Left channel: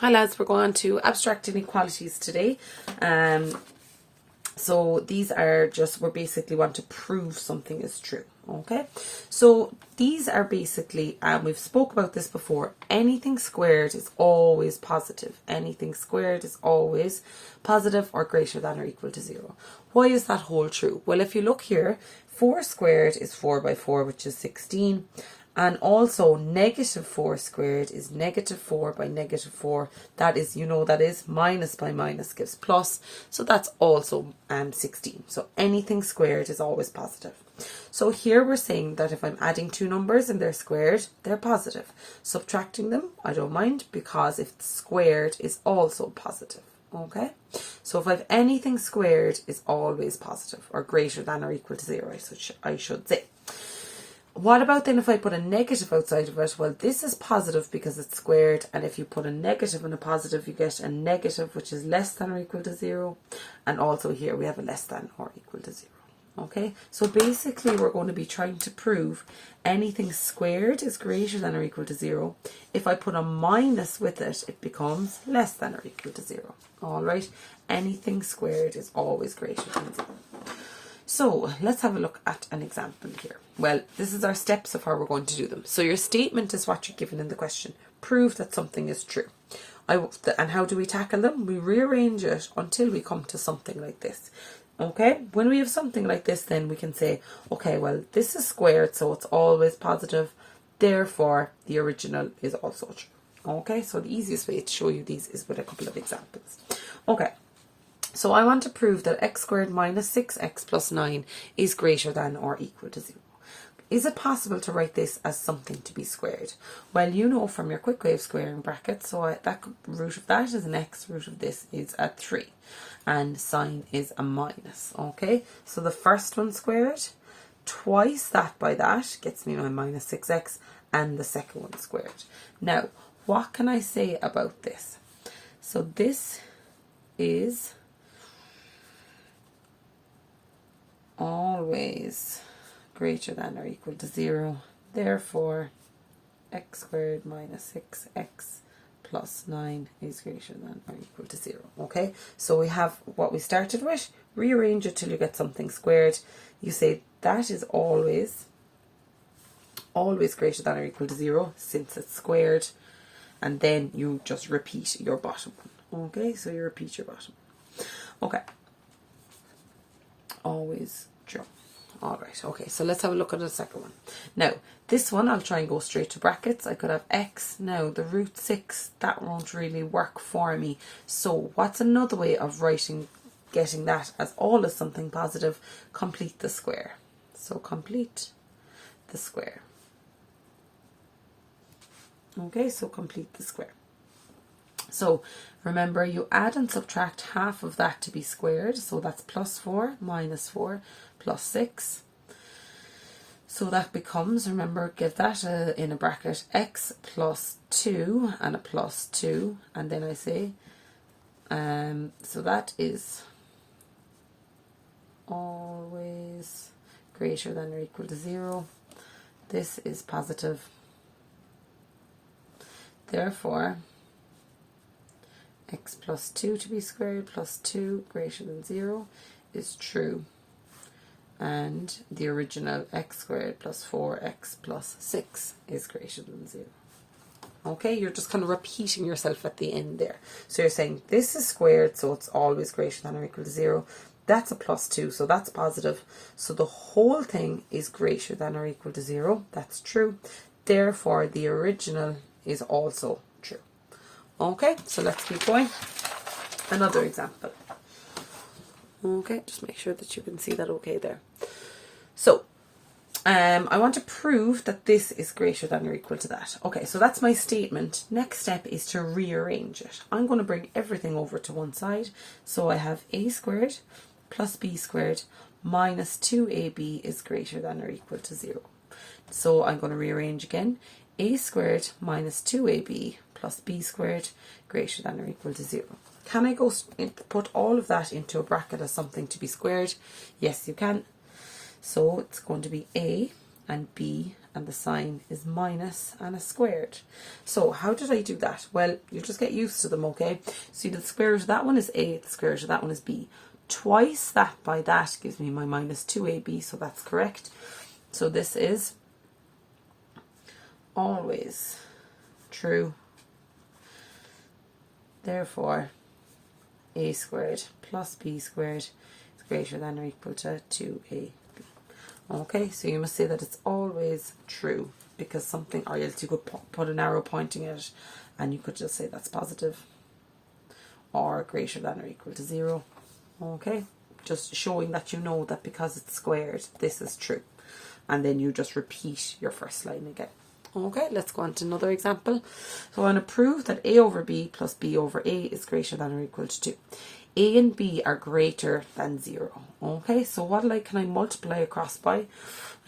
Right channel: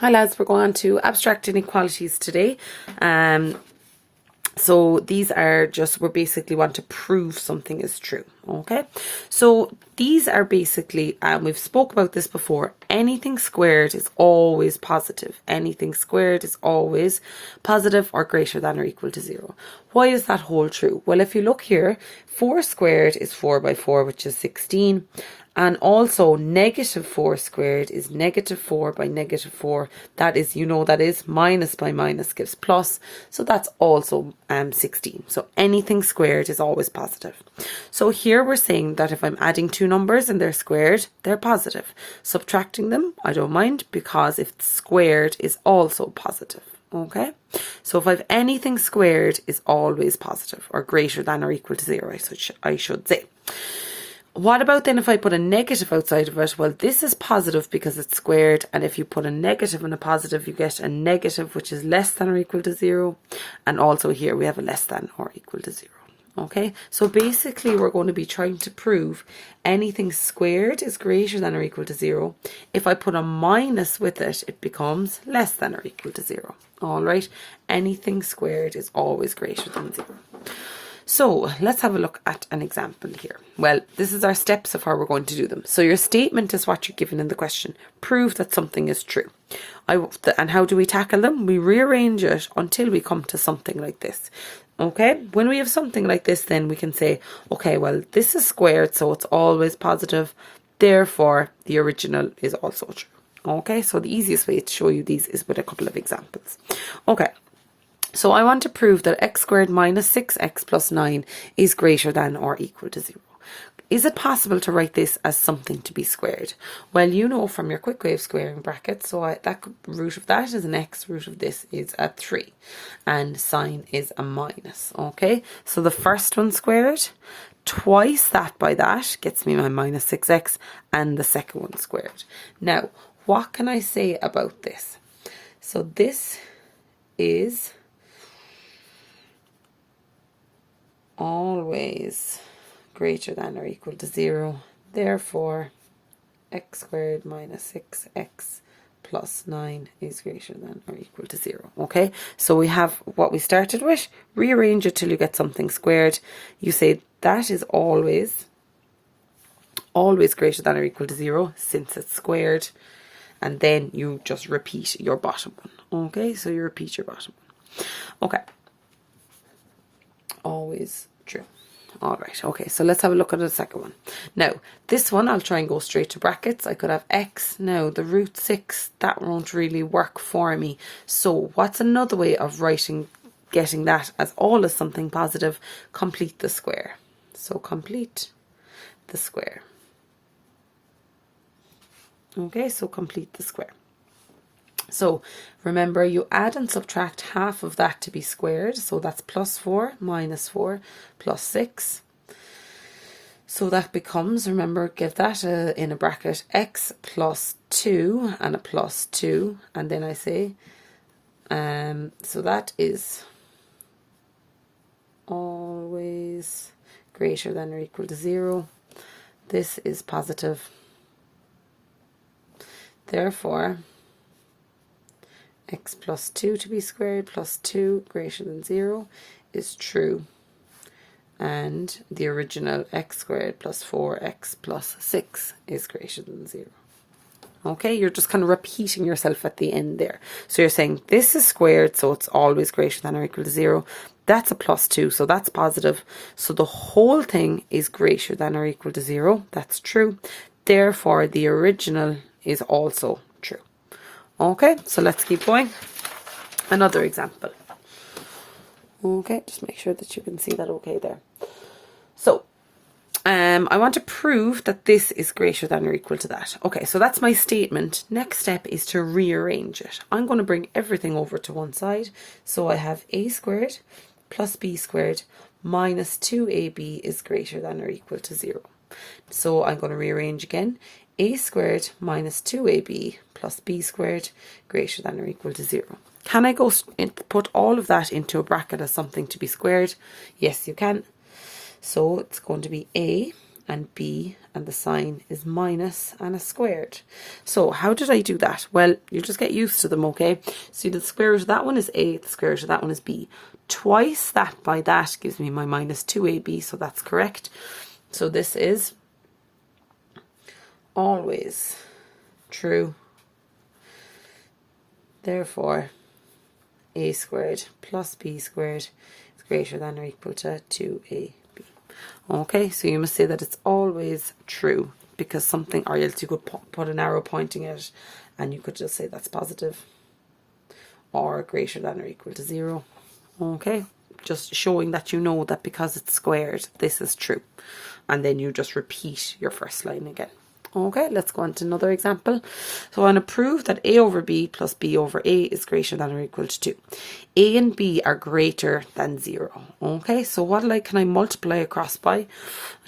Hi lads, we're going to abstract inequalities today. So these are just, we basically want to prove something is true, okay? So these are basically, we've spoke about this before, anything squared is always positive. Anything squared is always positive or greater than or equal to 0. Why is that hold true? Well, if you look here, 4 squared is 4 by 4, which is 16. And also negative 4 squared is negative 4 by negative 4. That is, that is minus by minus gives plus. So that's also 16. So anything squared is always positive. So here we're saying that if I'm adding two numbers and they're squared, they're positive. Subtracting them, I don't mind, because if it's squared is also positive. Okay, so if I've anything squared is always positive or greater than or equal to 0, I should say. What about then if I put a negative outside of it? Well, this is positive because it's squared, and if you put a negative and a positive, you get a negative which is less than or equal to 0, and also here we have a less than or equal to 0. Okay, so basically we're going to be trying to prove anything squared is greater than or equal to 0. If I put a minus with it, it becomes less than or equal to 0. All right, anything squared is always greater than 0. So let's have a look at an example here. Well, this is our steps of how we're going to do them. So your statement is what you're given in the question. Prove that something is true. And how do we tackle them? We rearrange it until we come to something like this. Okay, when we have something like this, then we can say, okay, well, this is squared, so it's always positive. Therefore, the original is also true. Okay, so the easiest way to show you these is with a couple of examples. Okay. So I want to prove that x squared minus 6x plus 9 is greater than or equal to 0. Is it possible to write this as something to be squared? Well, you know from your quick way of squaring brackets, so that root of that is an x, root of this is a 3, and sign is a minus, okay? So the first one squared, twice that by that gets me my minus 6x, and the second one squared. Now, what can I say about this? So this is always greater than or equal to 0. Therefore, x squared minus 6x plus 9 is greater than or equal to 0. Okay, so we have what we started with. Rearrange it till you get something squared. You say that is always greater than or equal to 0 since it's squared. And then you just repeat your bottom one. Okay, so you repeat your bottom one. Okay. Always true. All right, okay, so let's have a look at the second one. Now, this one, I'll try and go straight to brackets. I could have x. Now, the root 6, that won't really work for me. So what's another way of getting that as all as something positive? Complete the square. So complete the square. Okay, so complete the square. So remember, you add and subtract half of that to be squared. So that's plus 4 minus 4 plus 6. So that becomes, remember, give that in a bracket, x plus 2 and a plus 2. And then I say, so that is always greater than or equal to 0. This is positive. Therefore, x plus 2 to be squared plus 2 greater than 0 is true. And the original x squared plus 4x plus 6 is greater than 0. Okay, you're just kind of repeating yourself at the end there. So you're saying this is squared, so it's always greater than or equal to 0. That's a plus 2, so that's positive. So the whole thing is greater than or equal to 0. That's true. Therefore, the original is also true. Okay, so let's keep going. Another example. Okay, just make sure that you can see that okay there. So, I want to prove that this is greater than or equal to that. Okay, so that's my statement. Next step is to rearrange it. I'm going to bring everything over to one side. So I have a squared plus b squared minus 2ab is greater than or equal to 0. So I'm going to rearrange again. A squared minus 2ab plus b squared greater than or equal to 0. Can I go put all of that into a bracket as something to be squared? Yes, you can. So it's going to be a, and b, and the sign is minus and a squared. So how did I do that? Well, you just get used to them, okay? So the square root of that one is a, the square root of that one is b. Twice that by that gives me my minus 2ab, so that's correct. So this is always true. Therefore, a squared plus b squared is greater than or equal to 2ab. Okay, so you must say that it's always true, because something, or else you could put an arrow pointing at it and you could just say that's positive or greater than or equal to 0. Okay, just showing that you know that because it's squared, this is true. And then you just repeat your first line again. Okay, let's go on to another example. So I want to prove that a over b plus b over a is greater than or equal to 2. A and b are greater than 0. Okay, so what can I multiply across by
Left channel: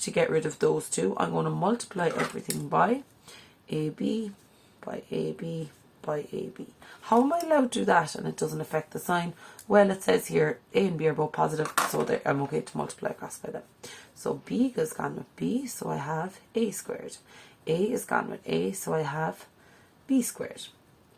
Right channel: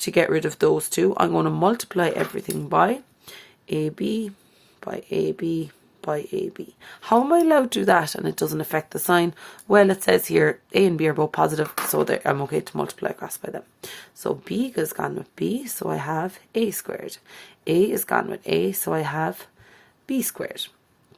to get rid of those two? I'm going to multiply everything by ab, by ab, by ab. How am I allowed to do that and it doesn't affect the sign? Well, it says here a and b are both positive, so I'm okay to multiply across by them. So b goes gone with b, so I have a squared. A is gone with a, so I have b squared.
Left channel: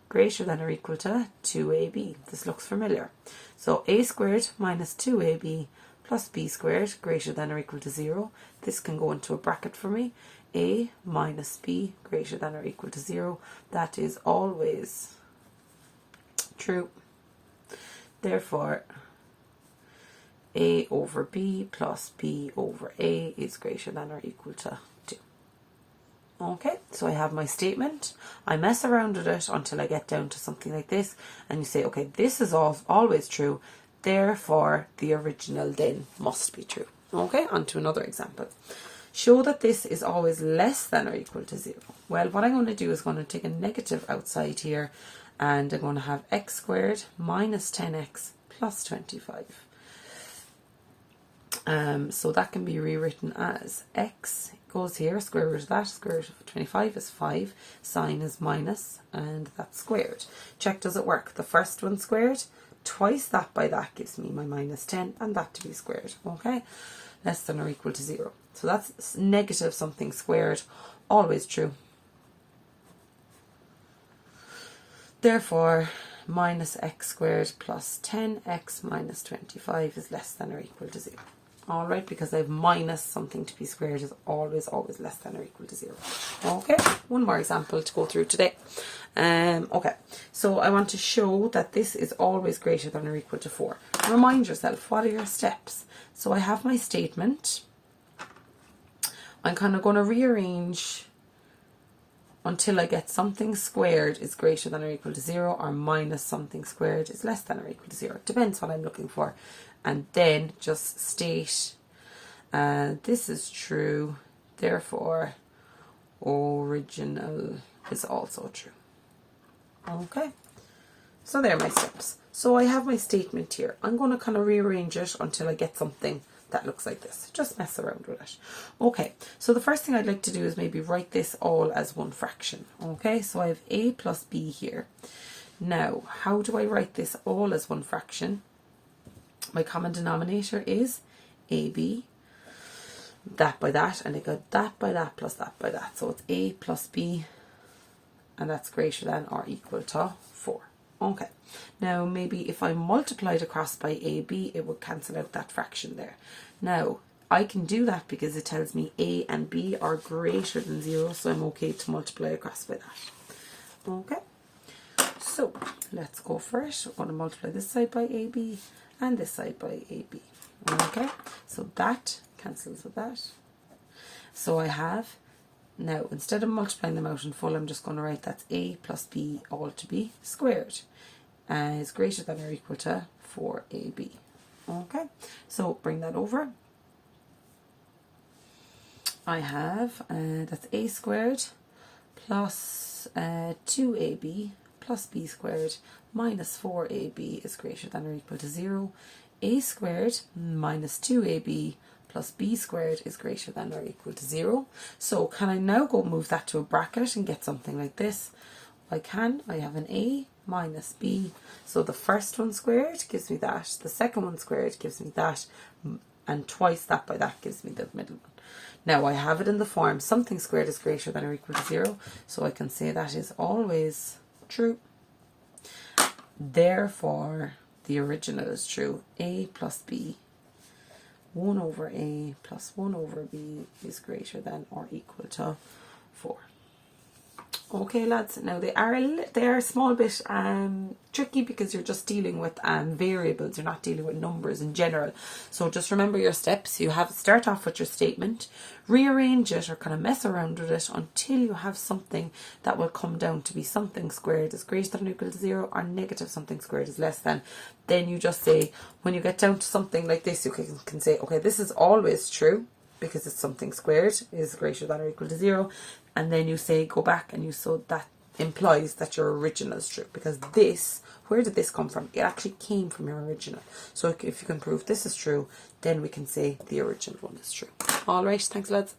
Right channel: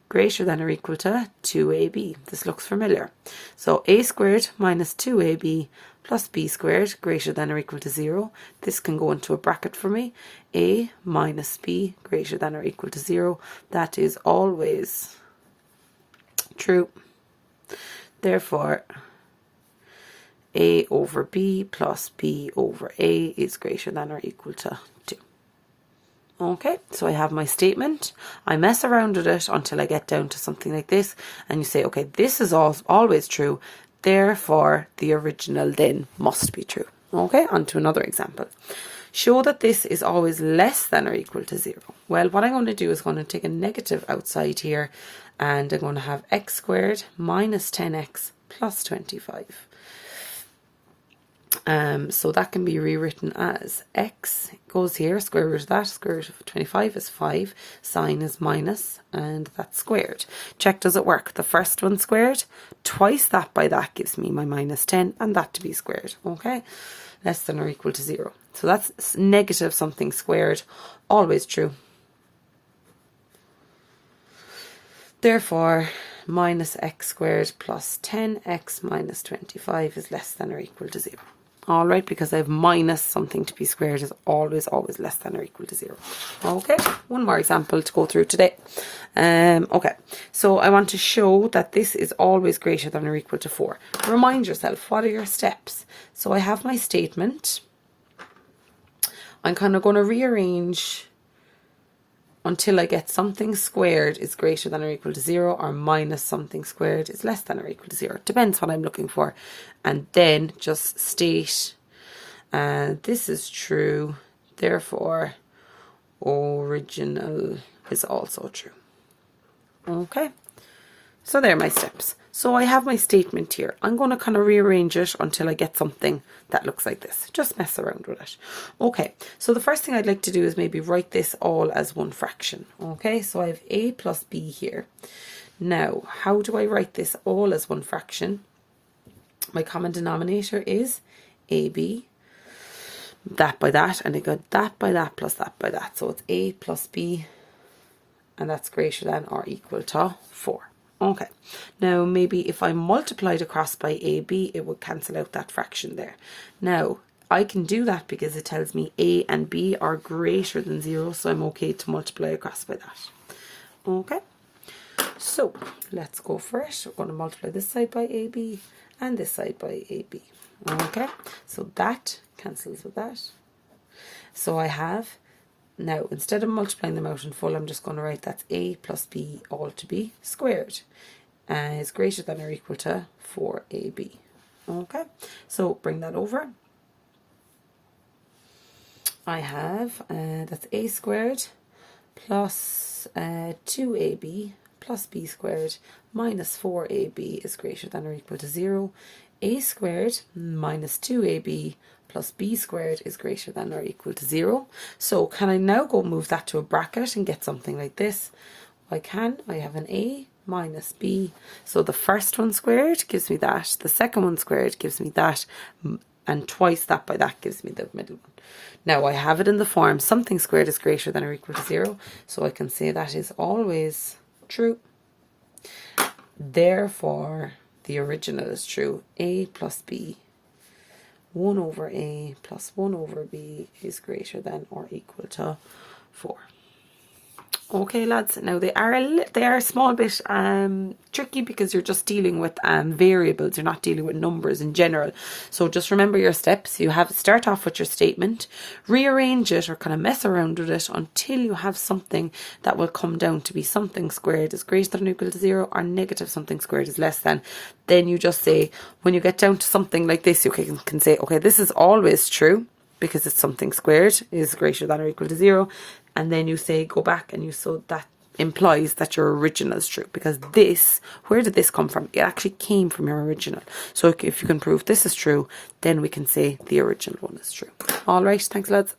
Greater than or equal to 2ab. This looks familiar. So a squared minus 2ab plus b squared greater than or equal to 0. This can go into a bracket for me. A minus b greater than or equal to 0. That is always true. Therefore, a over b plus b over a is greater than or equal to 2. Okay, so I have my statement. I mess around with it until I get down to something like this, and you say, okay, this is always true, therefore the original then must be true. Okay, on to another example. Show that this is always less than or equal to 0. Well, what I'm going to do is going to take a negative outside here, and I'm going to have x squared minus 10x plus 25. So that can be rewritten as x goes here, square root of that, square root of 25 is 5, sign is minus, and that's squared. Check, does it work? The first one squared, twice that by that gives me my minus 10, and that to be squared, okay? Less than or equal to 0. So that's negative something squared, always true. Therefore, minus x squared plus 10x minus 25 is less than or equal to 0. Alright, because I have minus something to be squared is always less than or equal to 0. Okay, one more example to go through today. Okay, so I want to show that this is always greater than or equal to 4. Remind yourself, what are your steps? So I have my statement. I'm kind of going to rearrange until I get something squared is greater than or equal to 0, or minus something squared is less than or equal to 0. Depends what I'm looking for. And then just state, this is true, therefore original is also true. Okay, so there are my steps. So I have my statement here. I'm going to kind of rearrange it until I get something that looks like this. Just mess around with it. Okay, so the first thing I'd like to do is maybe write this all as one fraction. Okay, so I have a plus b here. Now, how do I write this all as one fraction? My common denominator is ab, that by that, and I got that by that plus that by that. So it's a plus b, and that's greater than or equal to 4. Okay, now maybe if I multiplied across by ab, it would cancel out that fraction there. Now, I can do that because it tells me a and b are greater than 0, so I'm okay to multiply across by that. Okay, so let's go for it. We're going to multiply this side by ab and this side by ab. Okay, so that cancels with that. So I have, now instead of multiplying them out in full, I'm just going to write that's a plus b all to be squared is greater than or equal to 4ab. Okay, so bring that over. I have, that's a squared plus 2ab plus b squared minus 4ab is greater than or equal to 0. A squared minus 2ab plus b squared is greater than or equal to 0. So can I now go move that to a bracket and get something like this? I can. I have an a minus b. So the first one squared gives me that. The second one squared gives me that. And twice that by that gives me the middle one. Now I have it in the form something squared is greater than or equal to 0, so I can say that is always true. Therefore, the original is true. A plus B, 1 over A plus 1 over B is greater than or equal to 4. Okay, lads. Now they are a small bit tricky because you're just dealing with variables. You're not dealing with numbers in general. So just remember your steps. You have start off with your statement, rearrange it or kind of mess around with it until you have something that will come down to be something squared is greater than or equal to 0 or negative something squared is less than. Then you just say, when you get down to something like this, you can say, okay, this is always true because it's something squared is greater than or equal to 0. And then you say, go back and so that implies that your original is true. Because this, where did this come from? It actually came from your original. So if you can prove this is true, then we can say the original one is true. All right, thanks lads.